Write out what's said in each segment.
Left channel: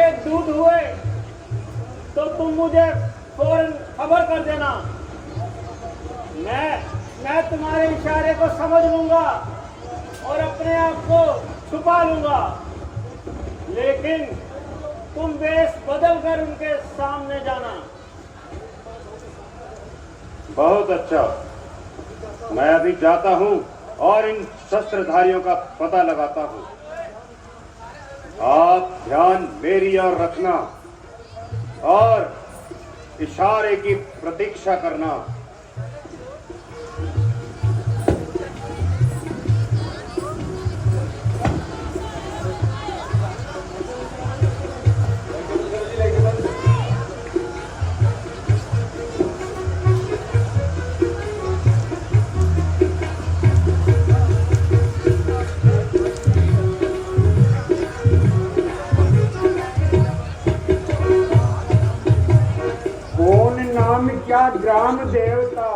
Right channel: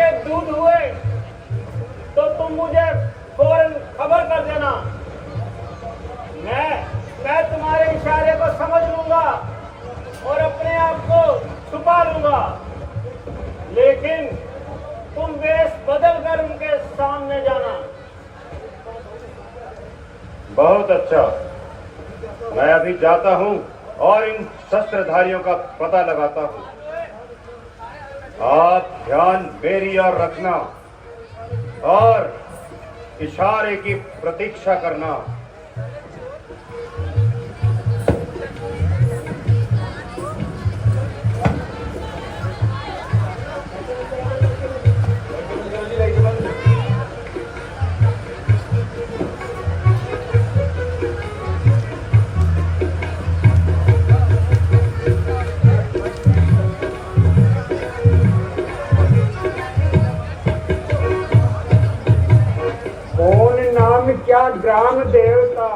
के दूध हुए तो तुम मुझे फौरन खबर कर देना। मैं तुम्हारे इशारे को समझ लूंगा और अपने आप को छुपा लूंगा, लेकिन तुम वेश बदल कर उनके सामने जाना। बहुत अच्छा, मैं अभी जाता हूँ और इन शस्त्रधारियों का पता लगाता हूँ। आप ध्यान मेरी ओर रखना और इशारे की प्रतीक्षा करना। ग्राम देवता,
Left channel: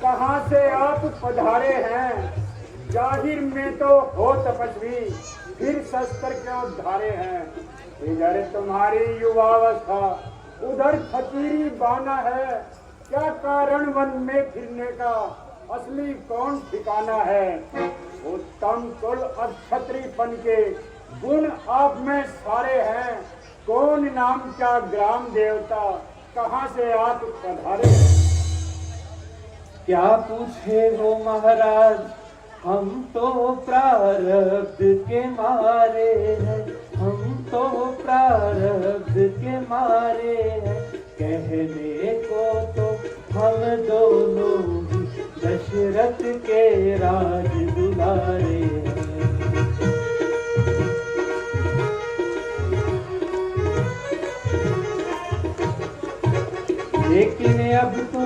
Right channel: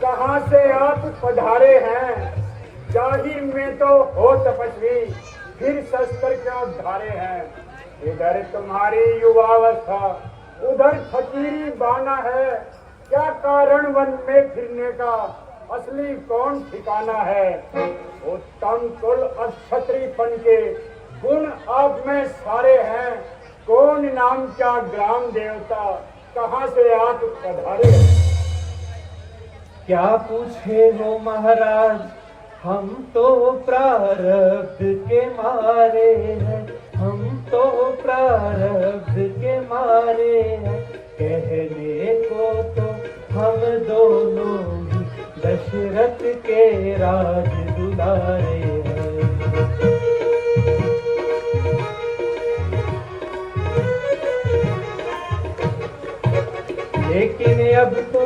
कहाँ से आप पधारे हैं? जाहिर में तो हो तपस्वी, फिर शस्त्र क्यों धारे हैं? इधर तुम्हारी युवावस्था, उधर फकीरी बाना है। क्या कारण वन में फिरने का? असली कौन ठिकाना है? उत्तम कुल अक्षत्रियपन के गुण आप में सारे हैं। कौन नाम क्या ग्राम देवता, कहाँ से आप पधारे? क्या पूछे वो महाराज, हम तो प्रारब्ध के मारे हैं, हम तो प्रारब्ध के मारे हैं। कहने को तो हम दोनों ही दशरथ के राज दुलारे हैं। लेकिन अब तो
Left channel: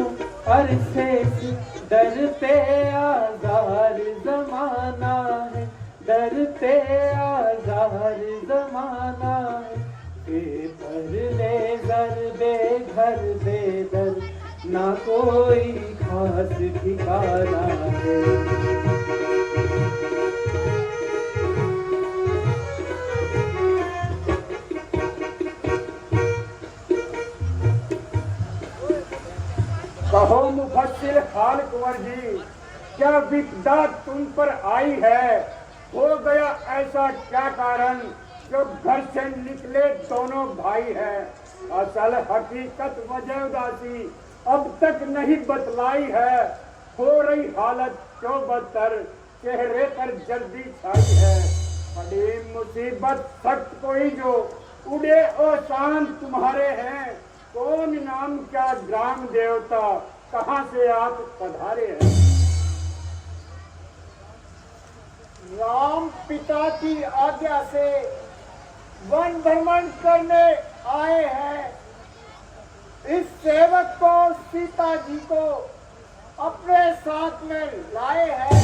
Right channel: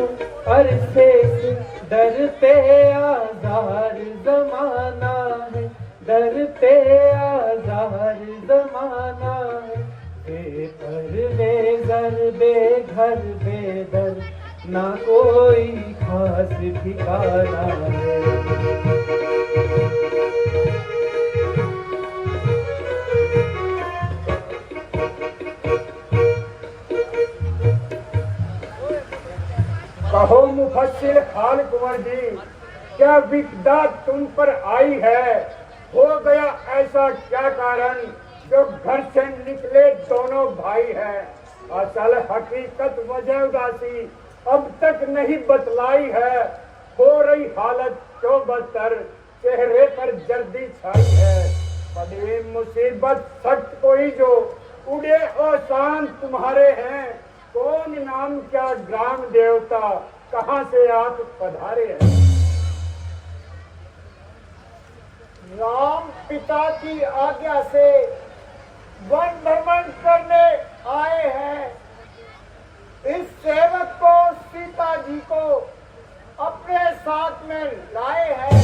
अरसे से दर पे आज़ार ज़माना है, दर पे आज़ार ज़माना है। बेपर बेज़र बेघर बेदर, ना कोई खास ठिकाना है। हाल कुंवर जी, क्या विपदा तुम पर आई है? हो गया ऐसा क्या कारण जो घर से निकले दोनों भाई हैं? असल हकीकत वजह उदासी अब तक नहीं बतलाई है। हो रही हालत जो बदतर, चेहरे पर जर्दी छाई है। बड़ी मुसीबत सख्त कोई जो उड़े आसान तुम्हारे हैं। कौन नाम क्या ग्राम देवता, कहाँ से आप पधारे हैं? राम पिता की आज्ञा से वन भ्रमण करने आए हैं। इस सेवक को सीता जी को अपने साथ में लाए हैं।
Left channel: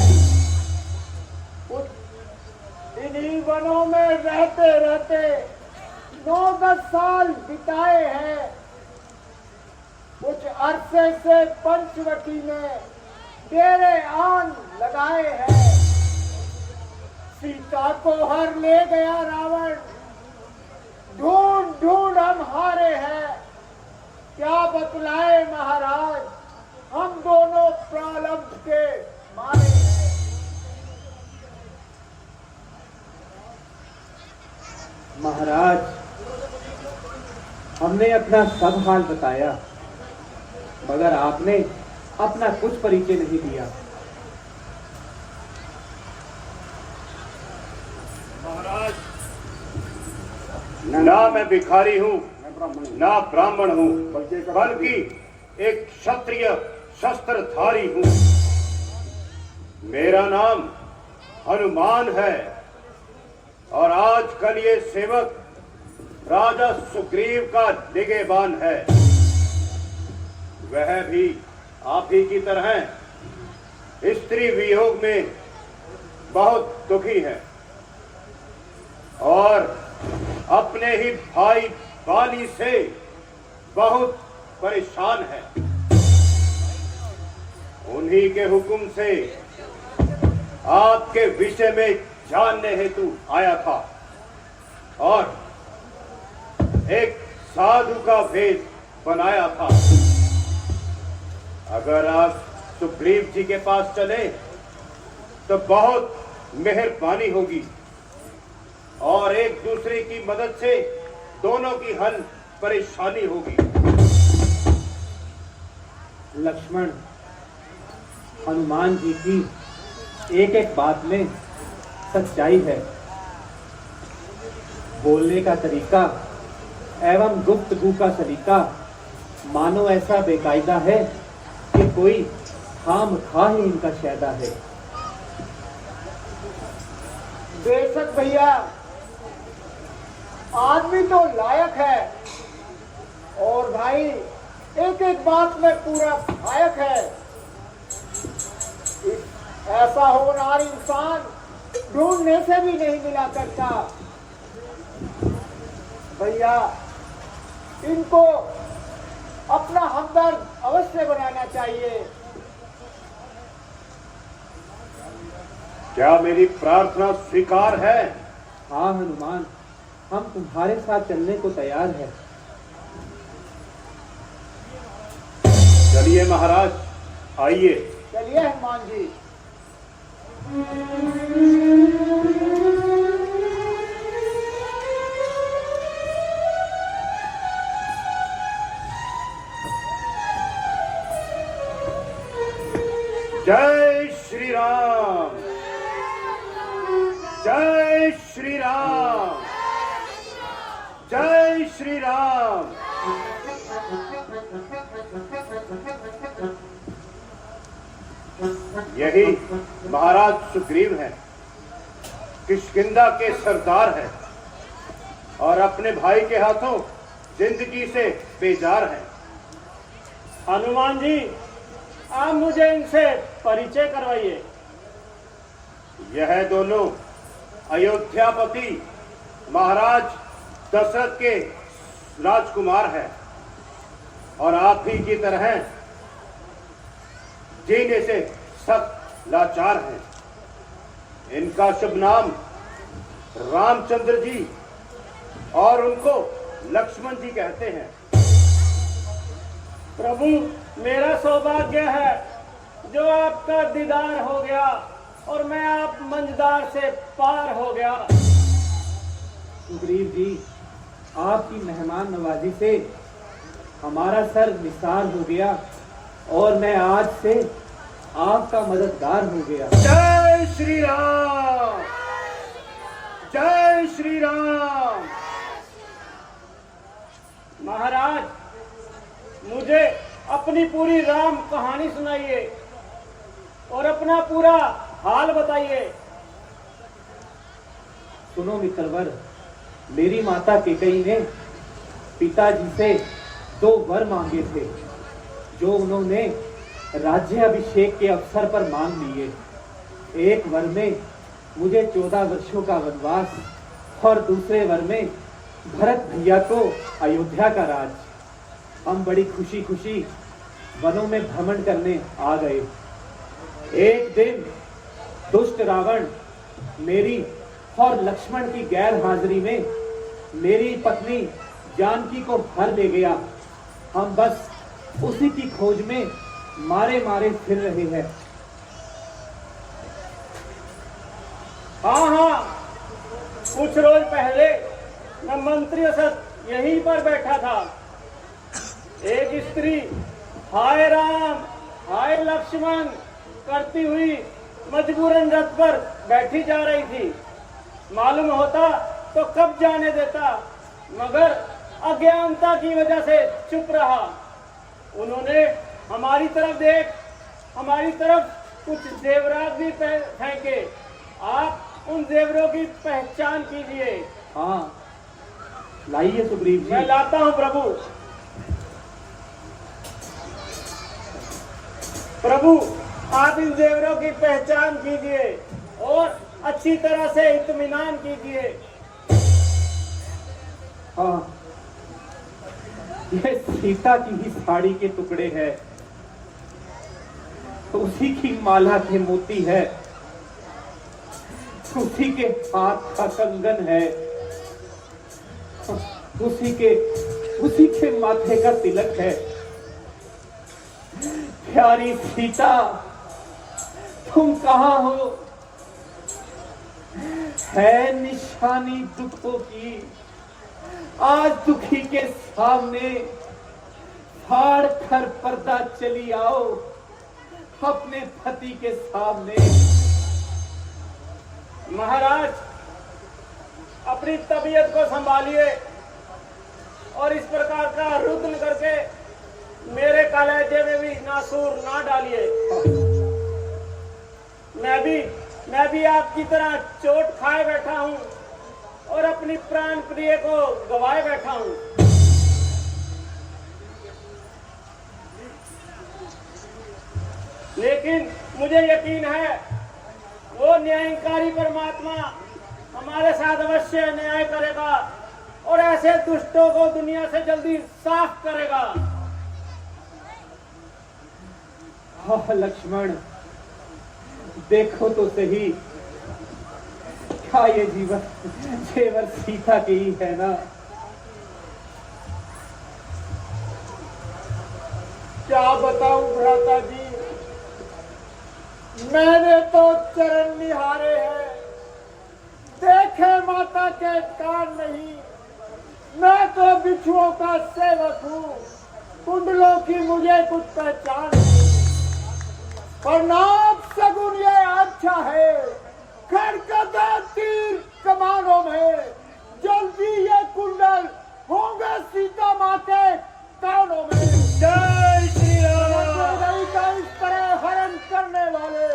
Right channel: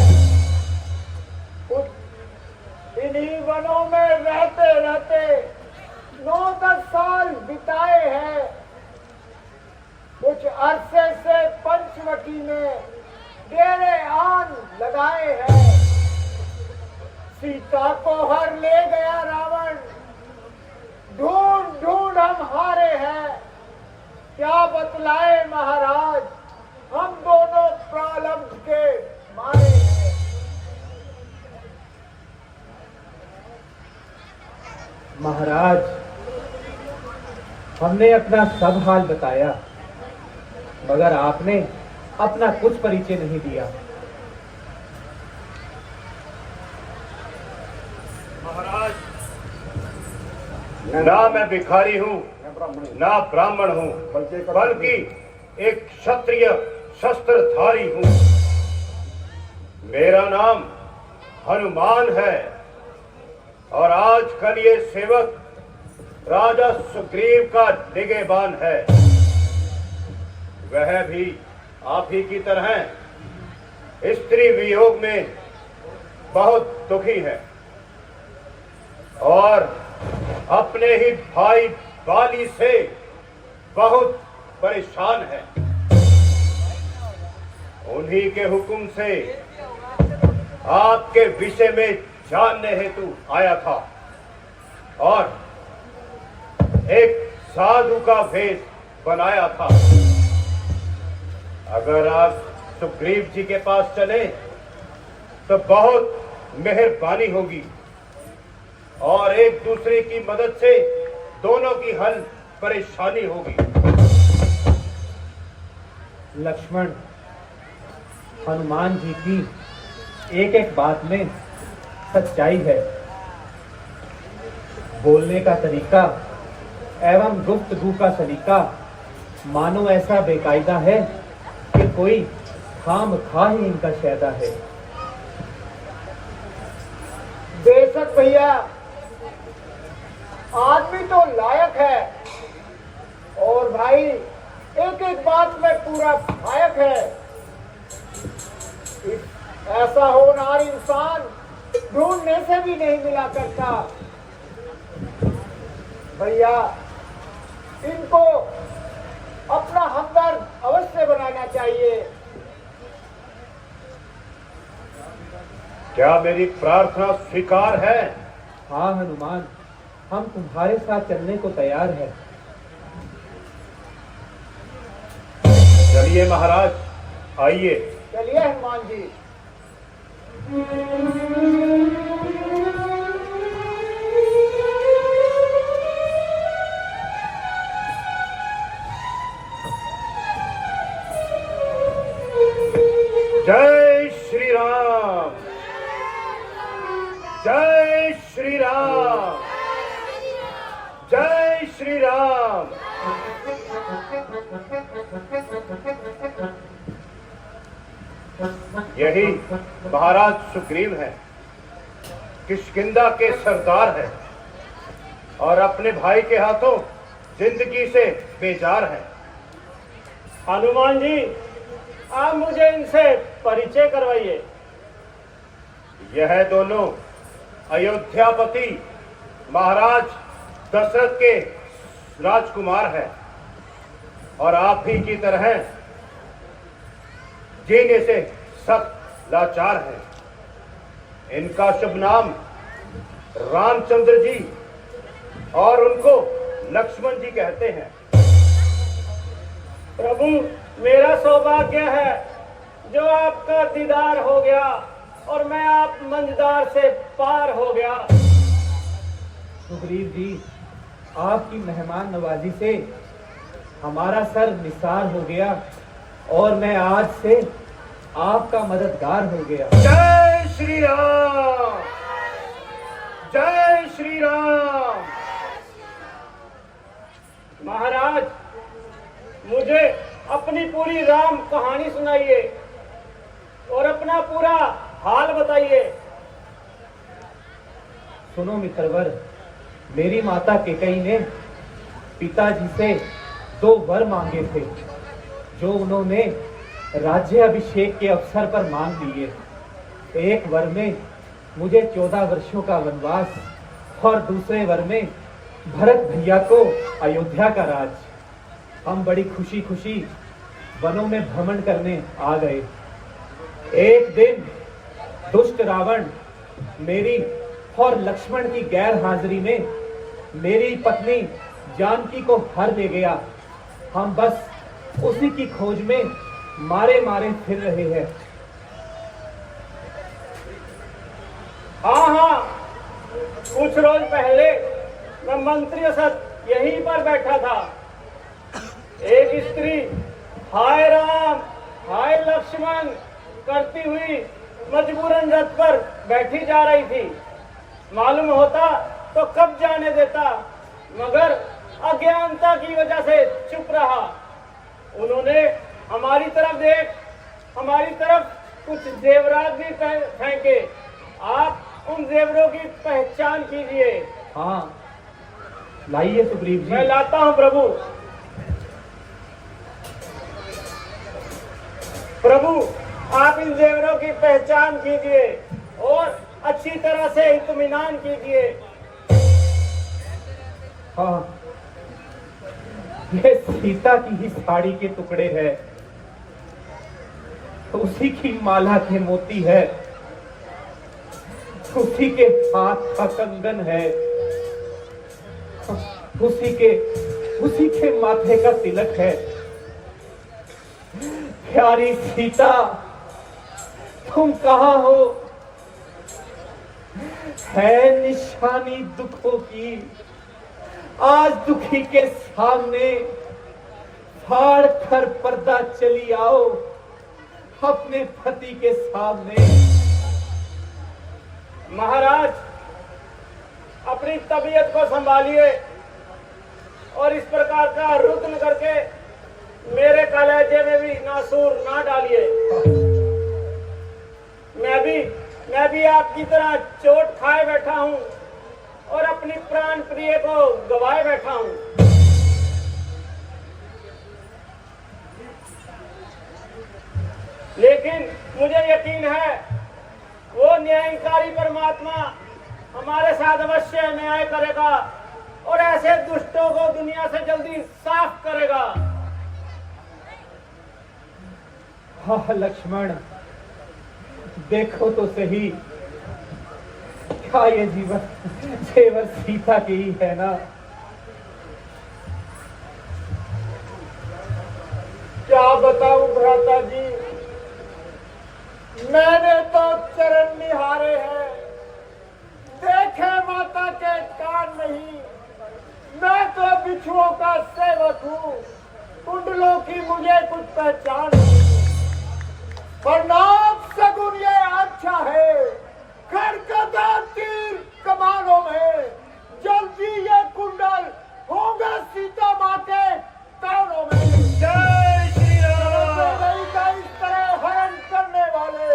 इन्हीं वनों में रहते रहते 9-10 साल बिताए हैं। कुछ अरसे से पंचवटी में डेरे आन लगाए हैं। सीता को हर ले गया रावण, ढूंढ ढूंढ हम हारे हैं। क्या बतलाए महाराज, हम दोनों प्रारब्ध के मारे हैं। महाराज, हमने अपना सब हाल बताया, मगर आपने अपना कुछ परिचय नहीं दिया। महाराज, ना मैं भिखारी हूँ, ना ब्राह्मण हूँ, बल्कि एक क्षत्रिय शस्त्रधारी हूँ। मेरा नाम हनुमान है और आजकल ये सेवक राजा सुग्रीव का निगहबान है। वह भी आप ही की तरह स्त्री वियोग में बहुत दुखी है और अपने ही भाई बाली से बहुत परेशान है। उन्हीं के हुक्म से आपके विषय में जानने हेतु आया था और एक साधु का भेद बनाया था। अगर आप सुग्रीव जी के पास चले तो बहुत मेहरबानी होगी और एक दूसरे की मदद से दोनों की हल परेशानी होगी। लक्ष्मण, हनुमान जी की एक एक बात में सच्चाई है। बोलने का तरीका एवं गुफ्तगू का सलीका मानो ऐसा बेकायदा है कि कोई खामखा ही इनका शैदा है। बेशक भैया, आदमी तो लायक है और भाई एक एक बात में पूरा लायक है। ऐसा होनहार इंसान ढूंढने से भी नहीं मिला करता। भैया, इनको अपना हमदर्द अवश्य बनाना चाहिए। क्या मेरी प्रार्थना स्वीकार है? हाँ हनुमान, हम तुम्हारे साथ चलने को तैयार हैं। चलिए महाराज, आइए। चलिए हनुमान जी। जय श्री राम, जय श्री राम, जय श्री राम। यही महाराज सुग्रीव है, किष्किंधा के सरदार है और अपने भाई के हाथों जिंदगी से बेजार है। हनुमान जी, आप मुझे इनसे परिचय करवाइए। यह दोनों अयोध्यापति महाराज दशरथ के राजकुमार हैं और आप ही की तरह जीने से सख्त लाचार हैं। इनका शुभ नाम रामचंद्र जी और उनको लक्ष्मण जी कहते हैं। प्रभु, मेरा सौभाग्य है जो आपका दीदार हो गया और मैं आप मंझदार से पार हो गया। सुग्रीव जी, आपकी मेहमान नवाजी से हमारा सर निसार हो गया और मैं आज से आपका मददगार हो गया। जय श्री राम, जय श्री राम। महाराज, मुझे अपनी पूरी राम कहानी सुनाइए और अपना पूरा हाल बताइए। सुनो मित्रवर, मेरी माता केकई ने पिताजी से 2 वर मांगे थे जो उन्होंने राज्य अभिषेक के अवसर पर मांग लिए। एक वर में मुझे 14 वर्षों का वनवास और दूसरे वर में भरत भैया को अयोध्या का राज। हम बड़ी खुशी खुशी वनों में भ्रमण करने आ गए। एक दिन दुष्ट रावण मेरी और लक्ष्मण की गैर हाजिरी में मेरी पत्नी जानकी को हर ले गया। हम बस उसी की खोज में मारे मारे फिर रहे हैं। हाँ, कुछ रोज पहले मैं मंत्री साथ यहीं पर बैठा था। एक स्त्री हाय राम हाय लक्ष्मण करती हुई मजबूरन रथ पर बैठी जा रही थी। मालूम होता तो कब जाने देता, मगर अज्ञानता की वजह से चुप रहा। उन्होंने हमारी तरफ कुछ जेवरात भी फेंके। आप उन जेवरों की पहचान कीजिए। हाँ, लाइए सुग्रीव जी। मैं लाता हूँ प्रभु। प्रभु, आप इन जेवरों की पहचान कीजिए और अच्छी तरह से इत्मीनान कीजिए। हाँ, ये सीता की ही साड़ी के टुकड़े हैं, उसी की माला के मोती है, उसी के हाथ का कंगन है। उसी के माथे का तिलक है। प्यारी सीता, तुम कहाँ हो? है निशानी दुखों की, आज दुखी के सामने फाड़ कर पर्दा चली आओ अपने पति के सामने। महाराज, अपनी तबीयत को संभालिए और इस प्रकार का रुद्र करके मेरे कलेजे में भी नासूर ना डालिए। मैं भी आपकी तरह चोट खाए बैठा हूं और अपनी प्राण प्रिय को गवाए बैठा हूं। लेकिन मुझे यकीन है वो न्यायकारी परमात्मा हमारे साथ अवश्य न्याय करेगा और ऐसे दुष्टों को दुनिया से जल्दी साफ करेगा। हाँ लक्ष्मण, देखो तो सही, क्या ये जेवर सीता की ही है ना? क्या बताऊं भ्राता जी, मैंने तो चरण निहारे हैं, देखे माता के कान नहीं। मैं तो बिच्छुओं का सेवक हूँ, कुंडलों की मुझे कुछ पहचान नहीं। और नाग सगुन ये अच्छा है, खड़कता तीर कमानों में, जल्दी ये कुंडल होगा सीता माँ के कानों में। जय श्री राम। इस तरह हरण करने वाले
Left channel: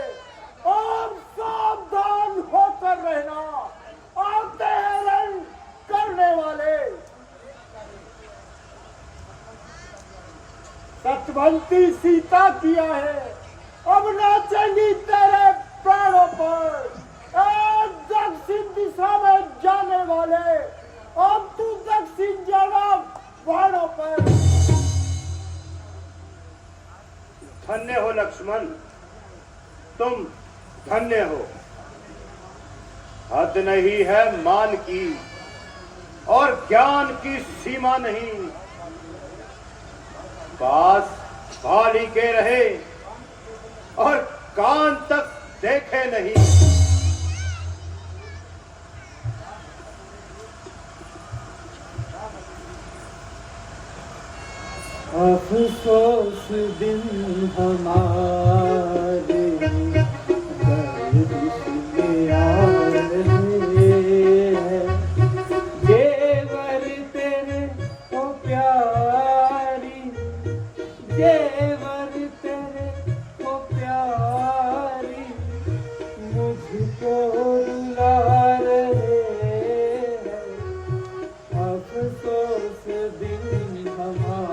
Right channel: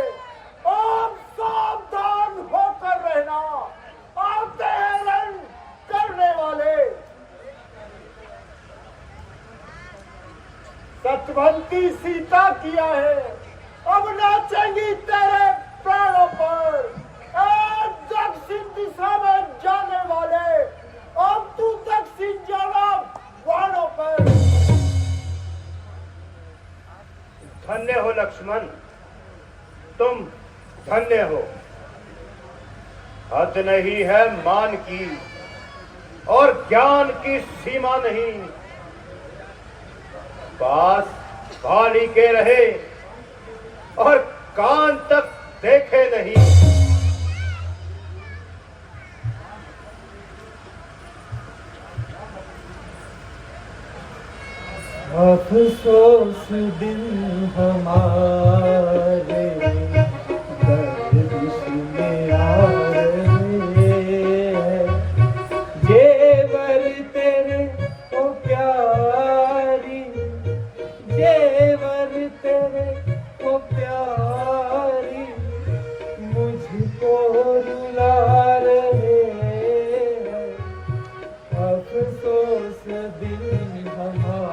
आप सावधान होकर रहना, आते हैं हरण करने वाले। सचवंती सीता किया है, अब नाचेंगी तेरे प्राणों पर। दक्षिण दिशा में जाने वाले, अब तू दक्षिण जाना वालों पर। धन्य हो लक्ष्मण, तुम धन्य हो। हद नहीं है मान की और ज्ञान की सीमा नहीं। पास बाली के रहे और कान तक देखे नहीं। अफसोस दिन हमारे गर्दिश में आ रहे हैं, जेवर तेरे को प्यारी, जेवर तेरे को प्यारी, मुझको रुला रहे हैं। अफसोस दिन हमारे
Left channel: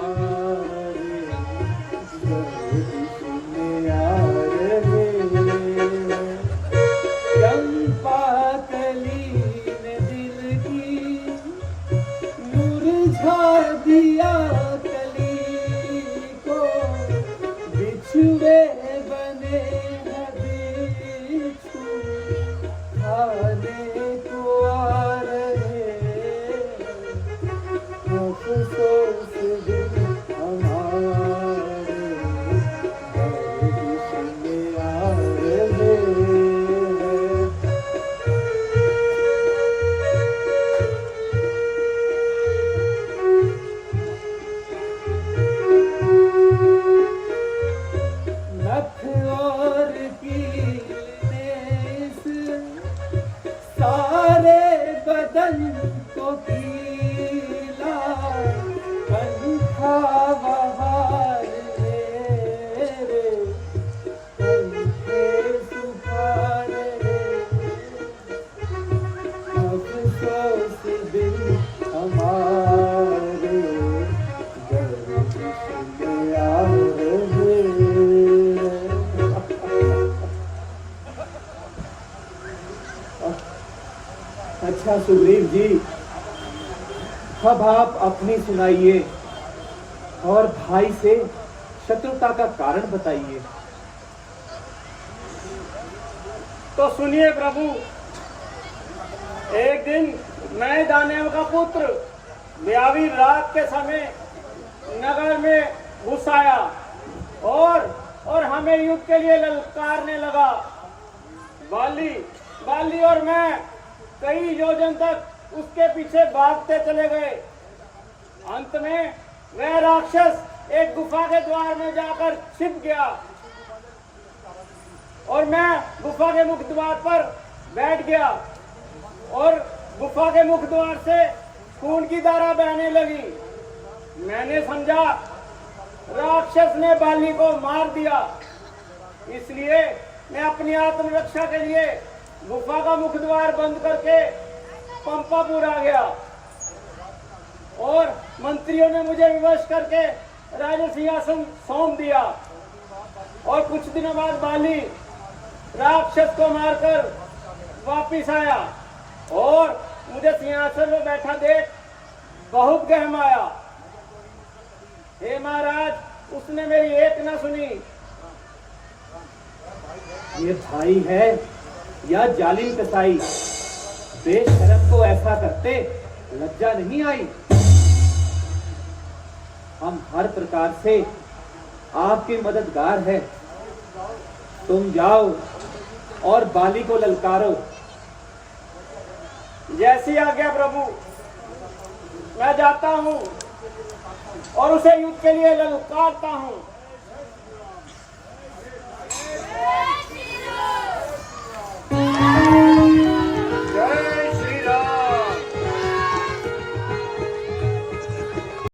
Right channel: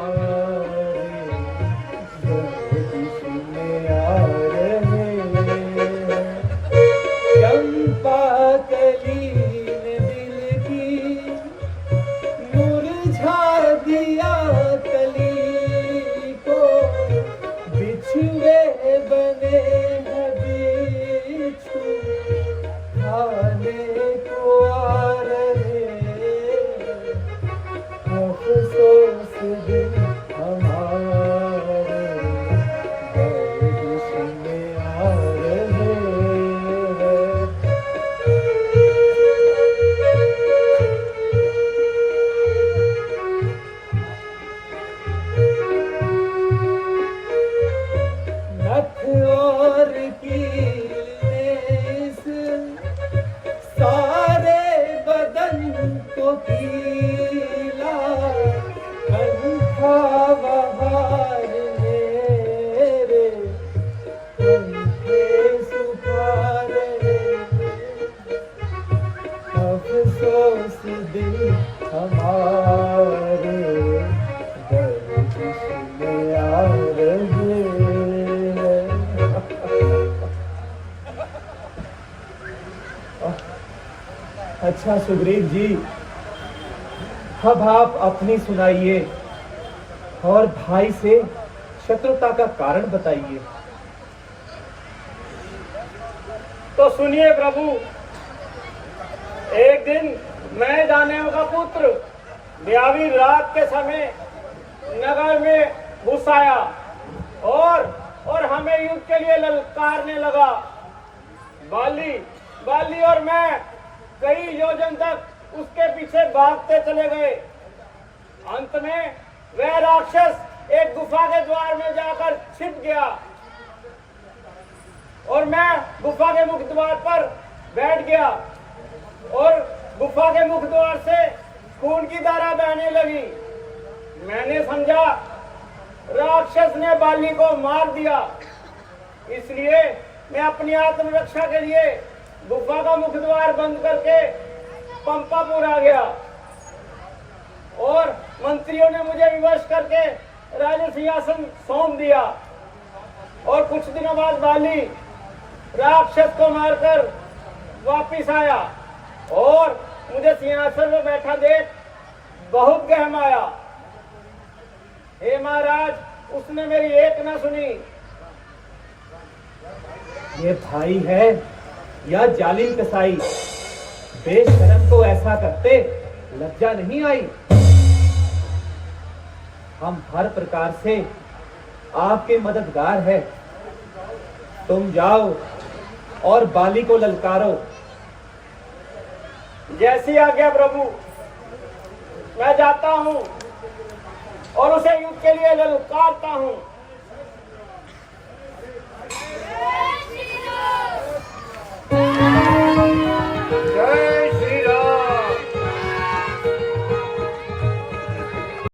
अच्छा सुग्रीव जी, अब आप अपनी सुनाइए और भाई से शत्रुता का कारण बताइए। तो सुनिए प्रभु, एक दिन मैं दानव का पुत्र मैं अभी रात के समय नगर में घुस आया और हमें युद्ध के लिए ललकारने लगा। बाली और मैं कई योजन तक उसके पीछे भागते चले गए। अंत में वह राक्षस एक गुफा के द्वार में जाकर छिप गया और मैं गुफा के मुख्य द्वार पर बैठ गया और गुफा के मुख्य द्वार से खून की धारा बहने लगी। मैंने समझा राक्षस ने बाली को मार दिया, इसलिए मैं अपनी आत्मरक्षा के लिए गुफा का मुख्य द्वार बंद करके पंपापुर आ गया और मंत्रियों ने मुझे विवश करके राज सिंहासन सौंप दिया। और कुछ दिनों बाद बाली राक्षस को मारकर वापिस आया और मुझे सिंहासन में बैठा देख बहुत गहमाया। हे महाराज, उसने मेरी एक न सुनी। ये भाई है या जालिम कसाई, बेशरम को ऐसा करते लज्जा नहीं आई। हम हर प्रकार से आपके मददगार हैं। तुम जाओ और बाली को ललकारो। जैसी आज्ञा प्रभु, मैं जाता हूँ और उसे युद्ध के लिए ललकारता हूँ।